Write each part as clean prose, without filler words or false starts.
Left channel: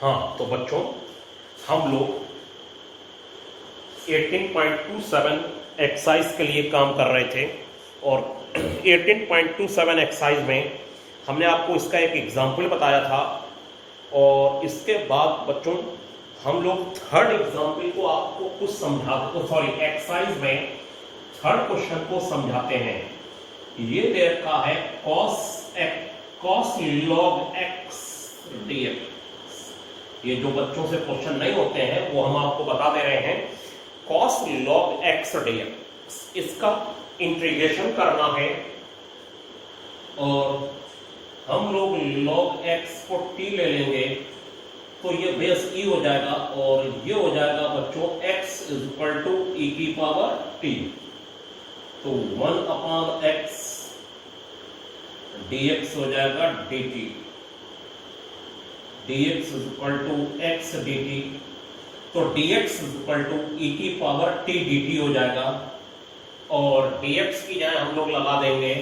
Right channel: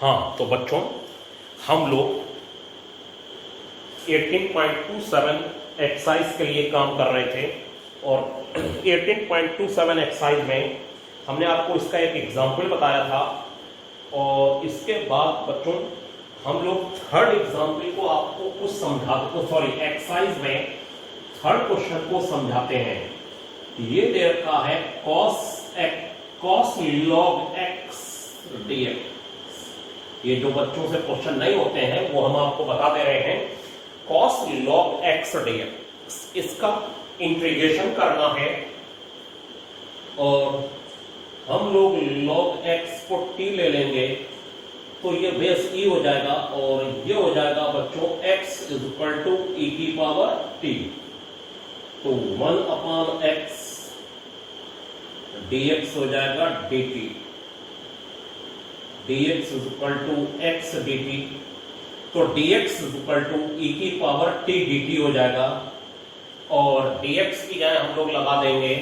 हाँ तो बच्चों, हम लोग 18.27 एक्सरसाइज के लिए काम कर रहे थे और 18.27 एक्सरसाइज में हमने आपको इसका एक एग्जाम्पल बताया था और इसके बाद बच्चों हम लोग थर्ड एग्जाम्पल को आपको कुछ एक्सरसाइज में थर्ड क्वेश्चन को समझाते हैं। ये दे रखा है cos log x dx। ये जो बच्चों से क्वेश्चन नहीं होते हैं वो हम आपको बता दे रहे हैं। cos log x dx इसका इंटीग्रेशन करना है और हम लोग log x को t ले लेंगे तो ये बेस e हो जाएगा और ये हो जाएगा बच्चों x is equal to e की पावर t। तो 1/x dx हो जाएगा dt, dx is equal to x dt। तो dx is equal to e की पावर t dt हो जाएगा और dx की जगह हम लोग लगा देंगे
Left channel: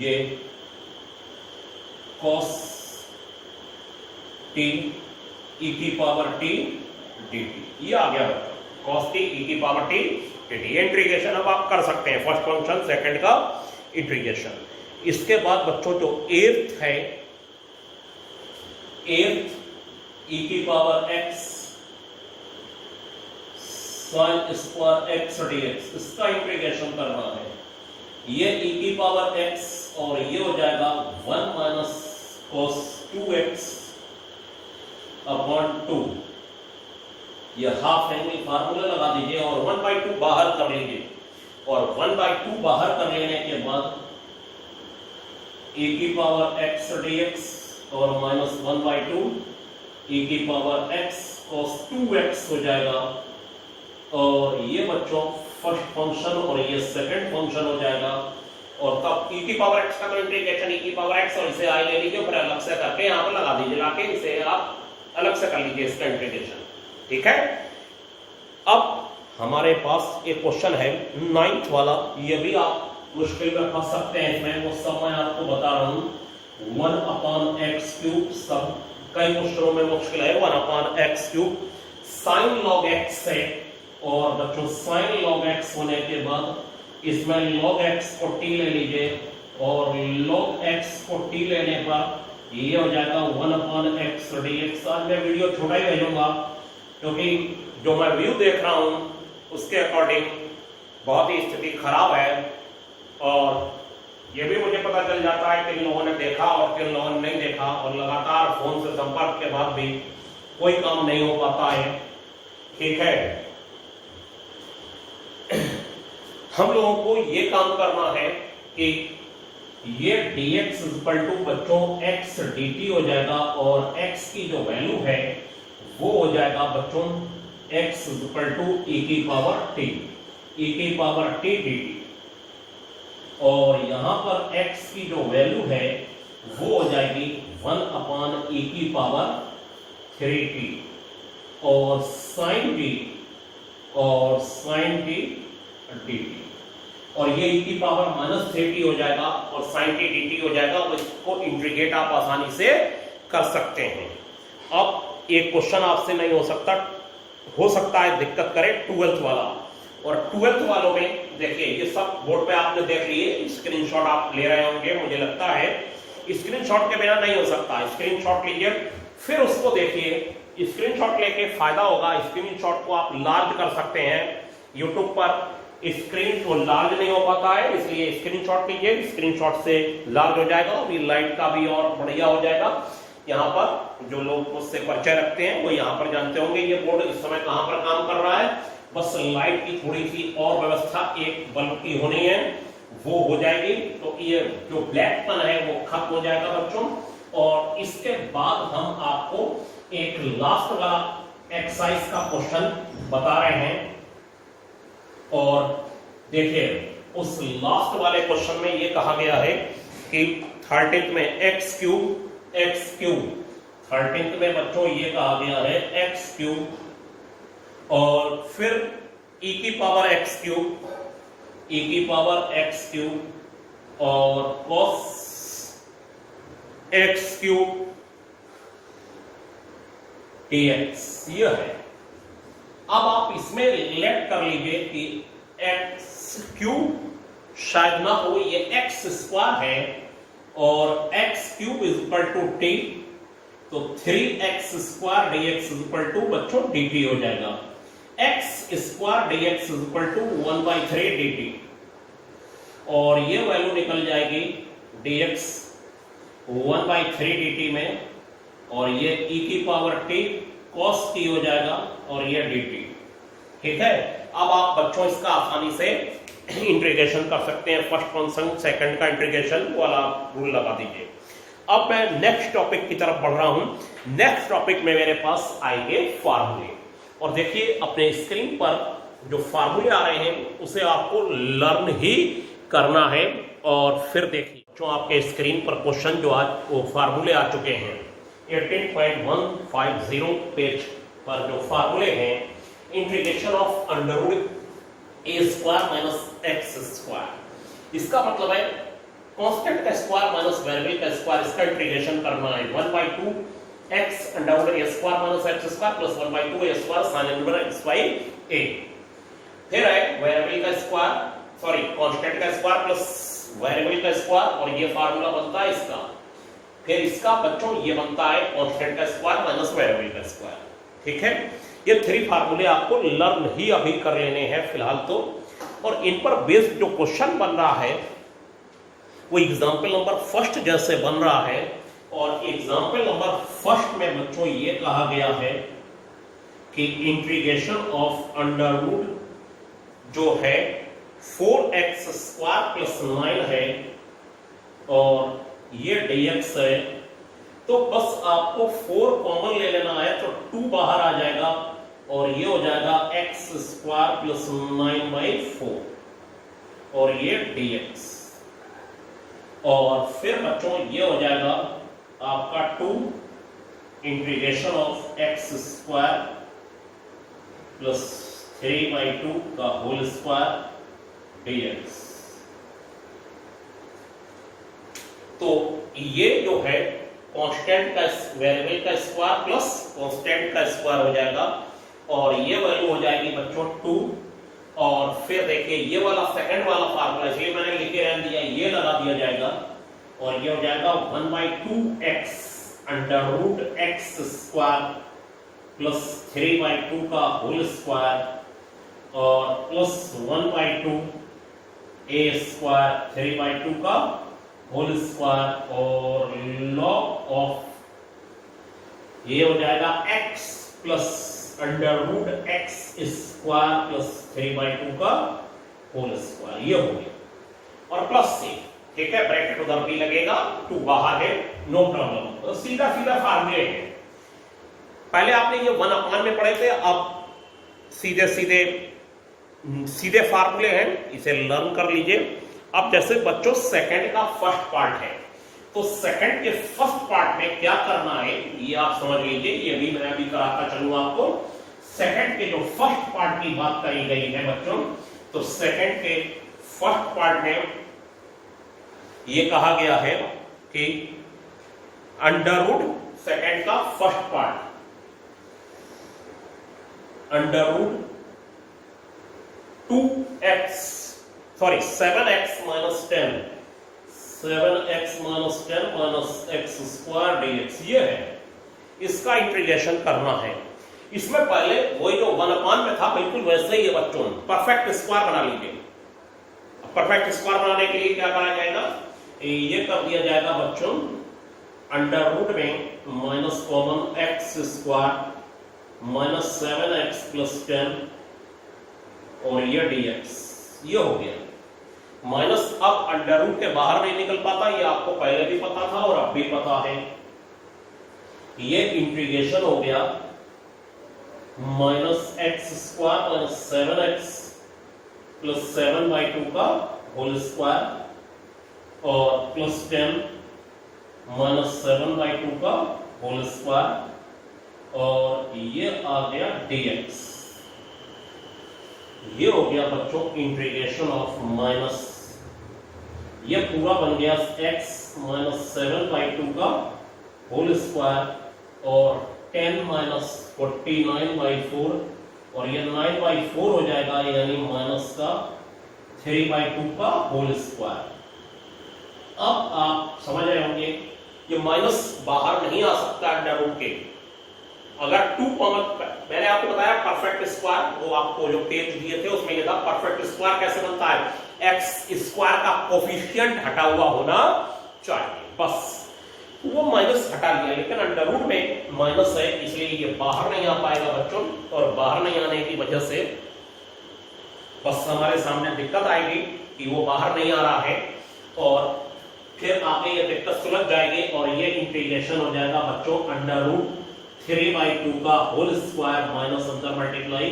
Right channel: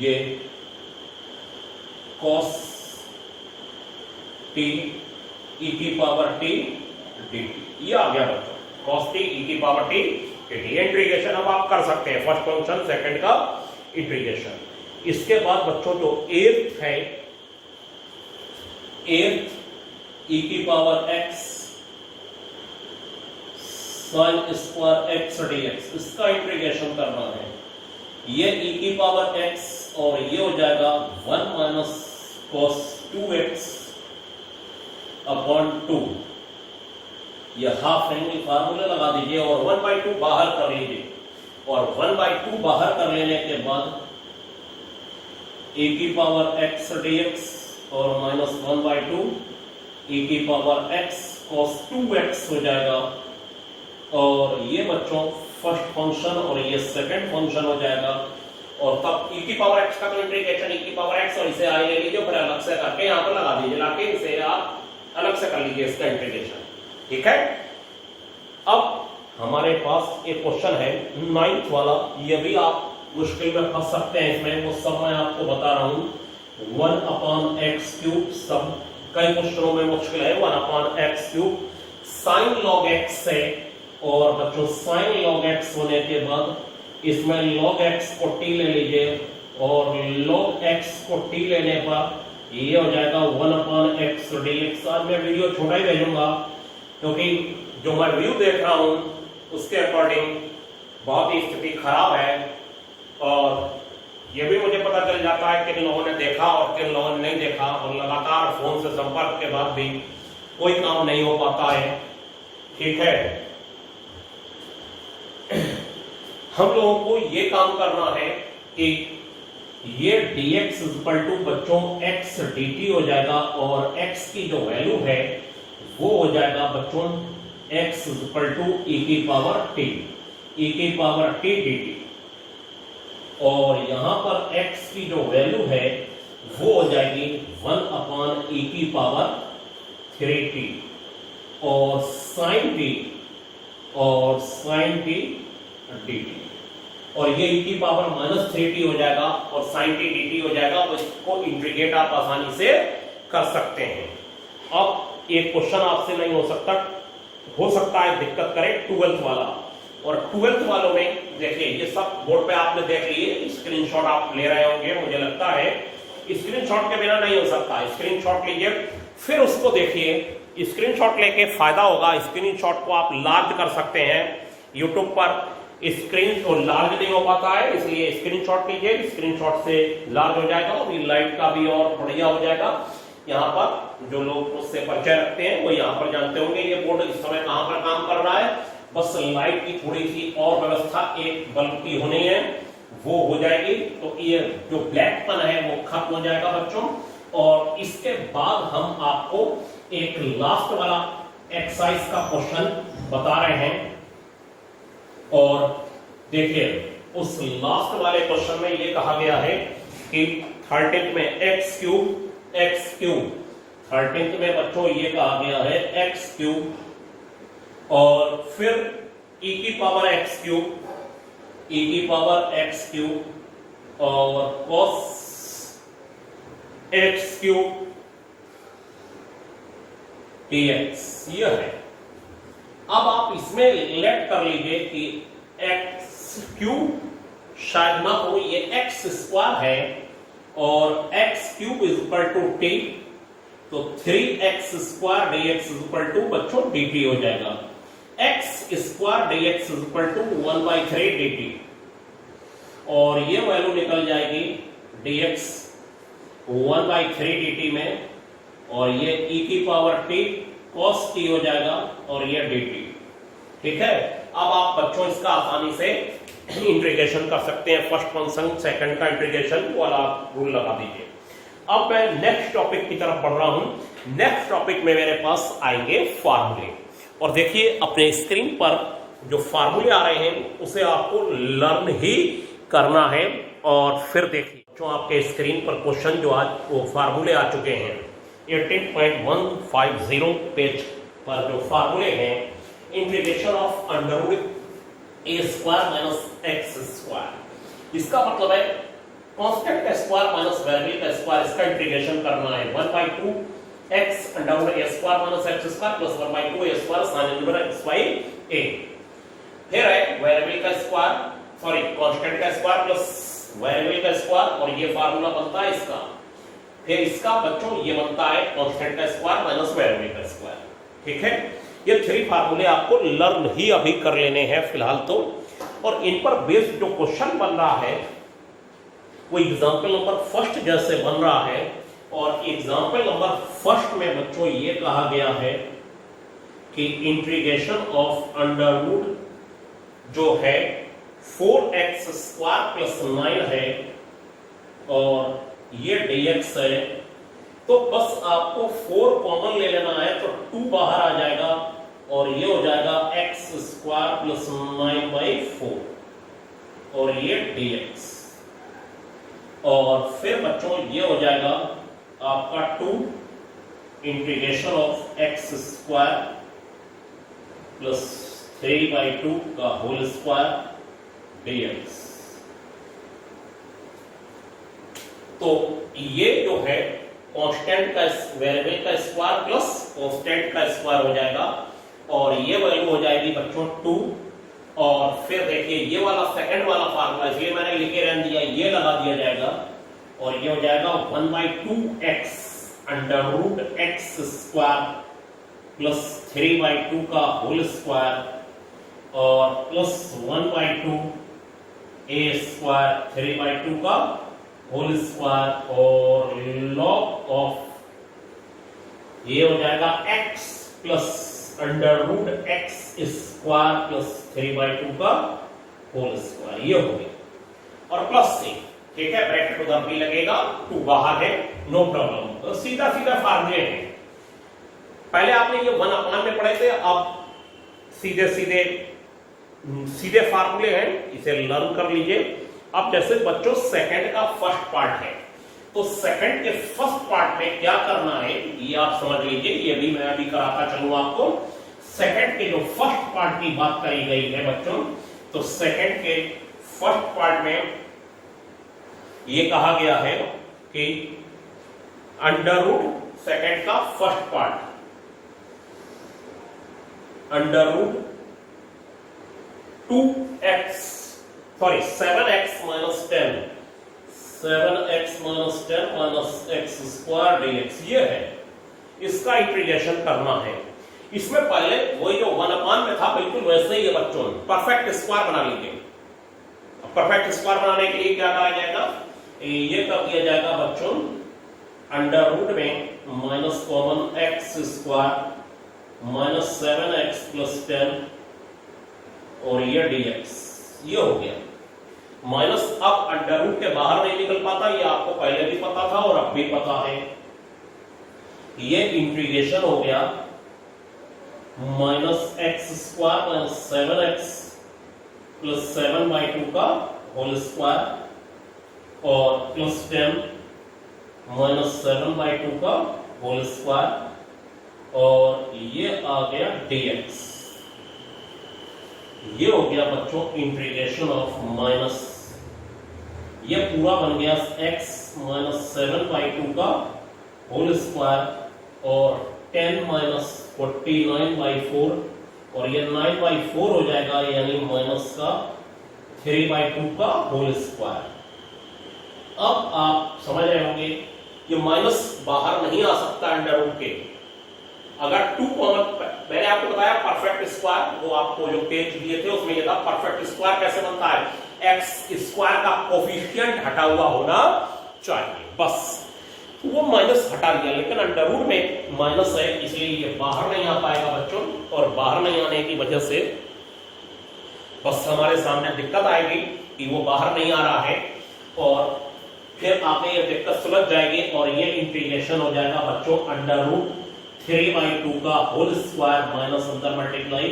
ये cos t e की पावर t dt। ये आ गया बच्चों cos t e की पावर t dt। इंटीग्रेशन अब आप कर सकते हैं, फर्स्ट फंक्शन सेकंड का इंटीग्रेशन। इसके बाद बच्चों जो एर्थ है, एर्थ e की power x sin square x dx, इसका इंटीग्रेशन करना है। ये e की पावर x और ये हो जाएगा 1 माइनस cos 2x अपॉन 2। ये हाफ एंगल फार्मूला लगा दीजिए और 1/2 बाहर कर लीजिए और 1/2 बाहर कर लेने के बाद e की पावर x dx और माइनस 1/2 e की पावर x cos 2x हो जाएगा और ये बच्चों फर्स्ट फंक्शन और ये सेकंड फंक्शन हो जाएगा। और तब e की पावर x का इंटीग्रेशन e की पावर x और इसे आई ले लीजिए फिर अलग से करके यहाँ पर लगा दीजिए, लाके इसे आप अलग से कर लीजिए इसका इंटीग्रेशन। ठीक है, अब हमारे पास एक क्वेश्चन है 9th वाला, ये भी आप मुश्किल में फंस सकते हैं इसमें, वो सब मैं आपको बता रहा हूँ। 1/x³ सब कई क्वेश्चनों में मुश्किल है। 1/x³ sin log x है और बच्चों sin log x होने के बाद इसमें log x को t ले लीजिए और log x को t लेने पर ये हो जाएगा 1/x dx। आज मैं वीडियो छोटा ही भेजूंगा क्योंकि जो मैं व्यू देख रहा हूं उसके अकॉर्डिंग बहुत ही स्थिति खराब है और ये भी मुझे पता चल जाता है किन लोगों ने देखा और किन लोगों ने नहीं देखा और लगातार फोन से संपर्क के बाद भी कोई काम नहीं हो पाता है। ठीक है, हम लोगों को ये काम करना है कि ये dx इक्वल टू बच्चों x dt हो जाएगा और x की जो वैल्यू है वो हो जाएगा बच्चों x इक्वल टू e की पावर t, e की पावर t dt। और यहां पर x की जो वैल्यू है वो हो जाएगी 1/e की पावर 3t और sin t dt और ये e की पावर माइनस 3t हो जाएगा और sin t dt हो जाएगा। उसको इंटीग्रेट आप आसानी से कर सकते हैं। अब एक क्वेश्चन आपसे नहीं हो सकता है दिक्कत करे 12th वाला, और 12th वालों में देखिए ये सब बोर्ड पे आपने देख लिए, स्क्रीनशॉट आप ले रहे होंगे मुझे लगता है। स्क्रीनशॉट के बिना नहीं हो सकता, स्क्रीनशॉट लीजिए फिर उसको देखिए। स्क्रीनशॉट लेके फायदा होगा, स्क्रीनशॉट को आप लार्ज कर सकते हैं। यूट्यूब पर स्क्रीन तो लार्ज नहीं हो पाता है इसलिए स्क्रीनशॉट लीजिए, स्क्रीनशॉट से लार्ज हो जाएगा और लाइट का भी और बढ़िया हो जाएगा। यहाँ पर जो लोग उससे परिचय रखते हैं वो यहाँ पर जानते होंगे ये बोर्ड इस समय कहाँ पर काम कर रहा है। बस लाइट की थोड़ी सी और व्यवस्था एक बल्ब की होनी है, वो हो जाएगी तो ये जो ब्लैकपन है वो खत्म हो जाएगा बच्चों। और इसके बाद हम आपको एक लास्ट वाला एक्सरसाइज का क्वेश्चन बता रहे हैं और देखिए उस लास्ट वाले क्वेश्चन में ये कहा गया है कि 13th में x³ 13th में बच्चों ये कहा गया है x³ और फिर e की पावर x³ और cos x³ dx ये है। अब आप इसमें लेट कर लीजिए कि एक्स क्यूब शायद ना हो, ये एक्स स्क्वायर है और X cube is equal to T, तो 3x square dx is equal to बच्चों dt हो जाएगा। X square dx is equal to 1/3 dt और ये वैल्यू निकल जाएगी dx 1/3 dt में और ये e की पावर t cos t हो जाएगा और ये dt। ठीक है, अब आप बच्चों इसका आसानी से इंटीग्रेशन कर सकते हैं, फर्स्ट फंक्शन सेकंड का इंटीग्रेशन वाला रूल लगा दीजिए। अब मैं नेक्स्ट टॉपिक की तरफ बढ़ रहा हूं। नेक्स्ट टॉपिक में मेरे पास आएंगे फार्मूले, और देखिए अपने स्क्रीन पर जो फार्मूले आ रहे हैं उसे आपको लर्न ही करना है। और फिर देखिए जो आपके स्क्रीन पर क्वेश्चन जो आज वो फार्मूले आ चुके हैं 18.150 पेज पर जो फार्मूले हैं, integration of under root a square minus X square, इसका मतलब है कांस्टेंट का स्क्वायर माइनस वेरिएबल का स्क्वायर, इसका इंटीग्रेशन करना है 1/2 x under root a square minus X square plus 1/2 a square sin under root x by a। फिर है वेरिएबल का स्क्वायर, सॉरी कांस्टेंट का स्क्वायर प्लस वेरिएबल का स्क्वायर और ये फार्मूला बनता है इसका। फिर इसका बच्चों ये बनता है कांस्टेंट का स्क्वायर माइनस वेरिएबल का स्क्वायर। ठीक है, ये 3 फार्मूले आपको लर्न ही अभी कर लेने हैं फिलहाल तो, और इन पर बेस्ड जो क्वेश्चन बन रहा है वो एग्जाम्पल नंबर फर्स्ट जैसे बन रहा है। और एग्जाम्पल नंबर फर्स्ट में बच्चों ये कहा गया है कि इंटीग्रेशन ऑफ अंडरवुड जो है 4x स्क्वायर प्लस 9 है और ये dx है, तो बस आपको 4 कॉमन ले लेना है तो 2 बाहर आ जाएगा और ये हो जाएगा x स्क्वायर प्लस 9/4 और ये dx। और फिर बच्चों ये हो जाएगा आपका 2 integration of x square plus 3/2 का होल स्क्वायर dx। तो ये जो है कांस्टेंट का वेरिएबल का स्क्वायर प्लस कांस्टेंट का स्क्वायर हो जाएगा और ये वैल्यू हो जाएगी बच्चों 2। और फिर देखिए ये वाला सेकंड वाला फार्मूला इसलिए मैंने लिख के रहने दिया, ये लगा दिया जाएगा और ये हो जाएगा 1/2x Underwood x square plus 3/2 का होल स्क्वायर और प्लस 1/2 a स्क्वायर 3/2 का होल स्क्वायर और लॉग ऑफ ये हो जाएगा x plus Underwood x square plus 3/2 का होल स्क्वायर, ये हो गया और प्लस से। ठीक है, ब्रैकेट उधर भी लगेगा, 2 बाहर है, नो प्रॉब्लम। तो सीधा सीधा फार्मूले हैं, पहले आपने ये 1/1 में पढ़े थे, अब सीधे फार्मूले हैं, इसे लर्न कर लीजिए। अब जैसे बच्चों सेकंड का फर्स्ट पार्ट है तो सेकंड के फर्स्ट पार्ट में क्या करना है ये आप समझ लीजिए, ये भी मैं अभी कराता चलूंगा आपको। सेकंड के जो फर्स्ट पार्ट की बात करी गई है बच्चों, तो सेकंड के फर्स्ट पार्ट में ये कहा गया है कि अंडरवुड सेकंड का first part under root 7x minus 10 minus x square dx ये है, इसका इंटीग्रेशन करना है। इसमें पहले वही जो 1/1 में था बिल्कुल वैसे ही है बच्चों, परफेक्ट स्क्वायर बना लीजिए। परफेक्ट स्क्वायर बनाने के लिए क्या करा जाएगा, ये कर दिया जाएगा बच्चों अंडरवुड में minus common x square minus 7x plus 10 और ये dx, ये हो गया माइनस। अब अंडरवुड के बाहर नहीं निकल पाता, ये आपको पहले भी पता था और अब भी पता है। ये इंटीग्रेशन हो गया minus x square minus 7x plus 7/2 का होल स्क्वायर और प्लस 10 माइनस 7/2 का होल स्क्वायर और ये आ गया dx। ये हो गया बच्चों इंटीग्रेशन ऑफ माइनस, ये पूरा बन गया x माइनस 7/2 का होल स्क्वायर और 10 माइनस 49/4 और ये 9/4 हो जाएगा, यानी माइनस का 3/2 का होल स्क्वायर। अब आप समझ रहे होंगे ये माइनस बाहर नहीं आ सकता अंडर रूट के। अगर 2 कॉमन, मैंने आपको बताया परफेक्ट स्क्वायर, वो आपको जो पेज दिए थे उसमें लिखा परफेक्ट स्क्वायर कैसे बनता है, एक्स स्क्वायर का कोफिशिएंट हटा हुआ होना चाहिए, बस वो माइनस हटा दिया, लेकिन अंडर रूट में माइनस है इसलिए ये बाहर नहीं आ पाएगा बच्चों, और बाहर नहीं आने की वजह से बस हमारे सामने दिक्कत आएगी कि वो बाहर नहीं आ रहा है, और फिर आपने ये दिक्कत सुलझ जाएगी और ये इंटीग्रेशन हो जाएगा बच्चों अंडर रूट 3/2 का होल स्क्वायर माइनस अंदर मल्टीप्लाई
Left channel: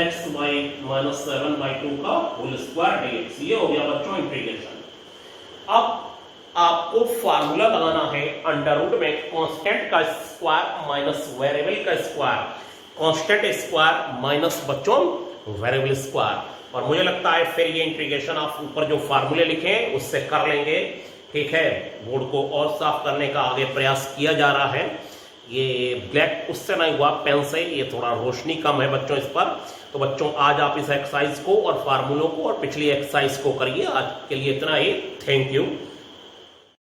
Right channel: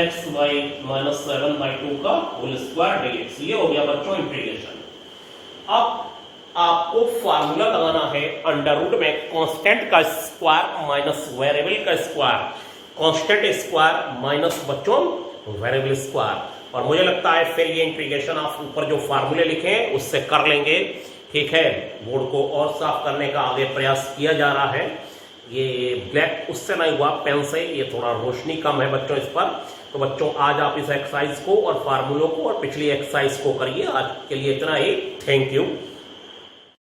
x बाई माइनस 7/2 का होल स्क्वायर dx। ये हो गया बच्चों इंटीग्रेशन। अब आपको फार्मूला लगाना है अंडर रूट में कांस्टेंट का स्क्वायर माइनस वेरिएबल का स्क्वायर, कांस्टेंट स्क्वायर माइनस बच्चों वेरिएबल स्क्वायर, और मुझे लगता है फिर ये इंटीग्रेशन आप ऊपर जो फार्मूले लिखे हैं उससे कर लेंगे, ठीक है। बोर्ड को और साफ करने का आगे प्रयास किया जा रहा है। ये ब्लैक उससे नहीं हुआ, पेन से, ये थोड़ा रोशनी कम है बच्चों इस पर। तो बच्चों आज आप इस एक्सरसाइज को और फार्मूलों को और पिछली एक्सरसाइज को करिए। आज के लिए इतना ही, थैंक यू।